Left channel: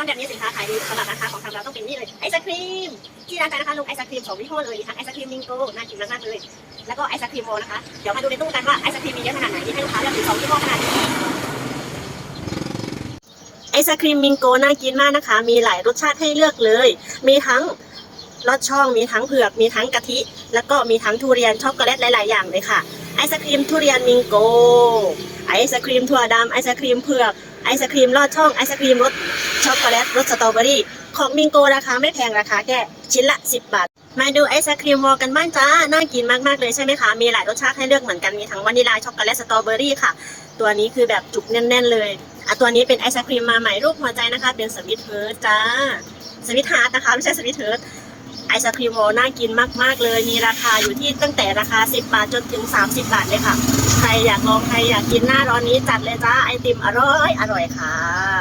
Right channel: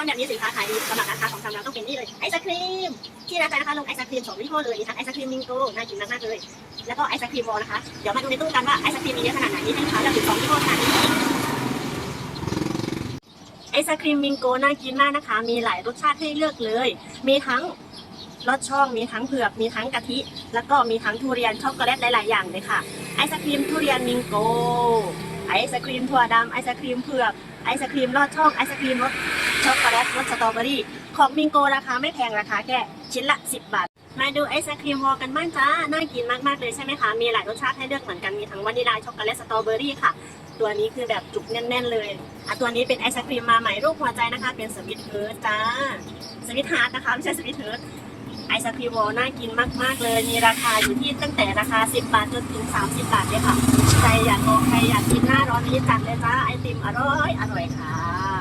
ร้อนแบบนี้สินค้าขายดีสำหรับราคาของทางเราต้องเป็นนี่เลยไอศครีมที่ร้านนนะคะลงไอศครีมสองยี่ห้อเลยมีทั้งไอศครีมมิงโก้น่ากินมากๆเลย แล้วก็ไอศครีมวอลนะคะเดี๋ยวมาดูในตู้กันว่าไอศครีมมีเยอะขนาดไหนที่ให้ลูกค้าเลือกถึงสองยี่ห้อขนาดนี้ไอศครีมมิงโกน่ากินมากนะคะ มีหลายรสชาติให้เลือกเลย มีทั้งรสช่อง มีทั้งเผือก มีทั้งกะทิ แล้วก็มีทั้งทุเรียนช็อกโกแลตหลาย ๆ อย่างเลยค่ะ ไอศครีมทุเรียนมิงโก ไอศครีมถั่วดำไอศครีมเผือก ไอศครีมลอดช่อง ไอศครีมรส ช็อกโกแลตรสสตรอเบอรี่ของมิงโกนะคะไม่แพงราคาแค่ชิ้นละ 10 บาท มาดูไอศครีมวอลกันบ้างจ้า น่ากินมาก ๆ เลยใช่ไหมคะ มีหลายรสชาติให้เลือกเหมือนกัน มีทั้งวานิลาช็อกโกแลตสตรอเบอรี่ค่ะ ตัวนี้คือแบบจุกแน่น ๆ เลยอะตัวนี้เป็นไอศครีมมาใหม่รูปหัวใจนะคะ เป็นสวิตเฮิร์ตจ้า สวิตฮาร์ตนะคะไม่ใช่สวิตเฮิร์ตไอศครีมวอลน่ากินมาก ๆ เลย มีราคาอยู่ที่ตั้งแต่ราคา 10 บาทจนถึง 30 บาทเลยค่ะ ใครอยากลองใครอยากกินหน้าร้อนนี้จัดเลยจ้า ไอติมอร่อย อร่อยค่ะ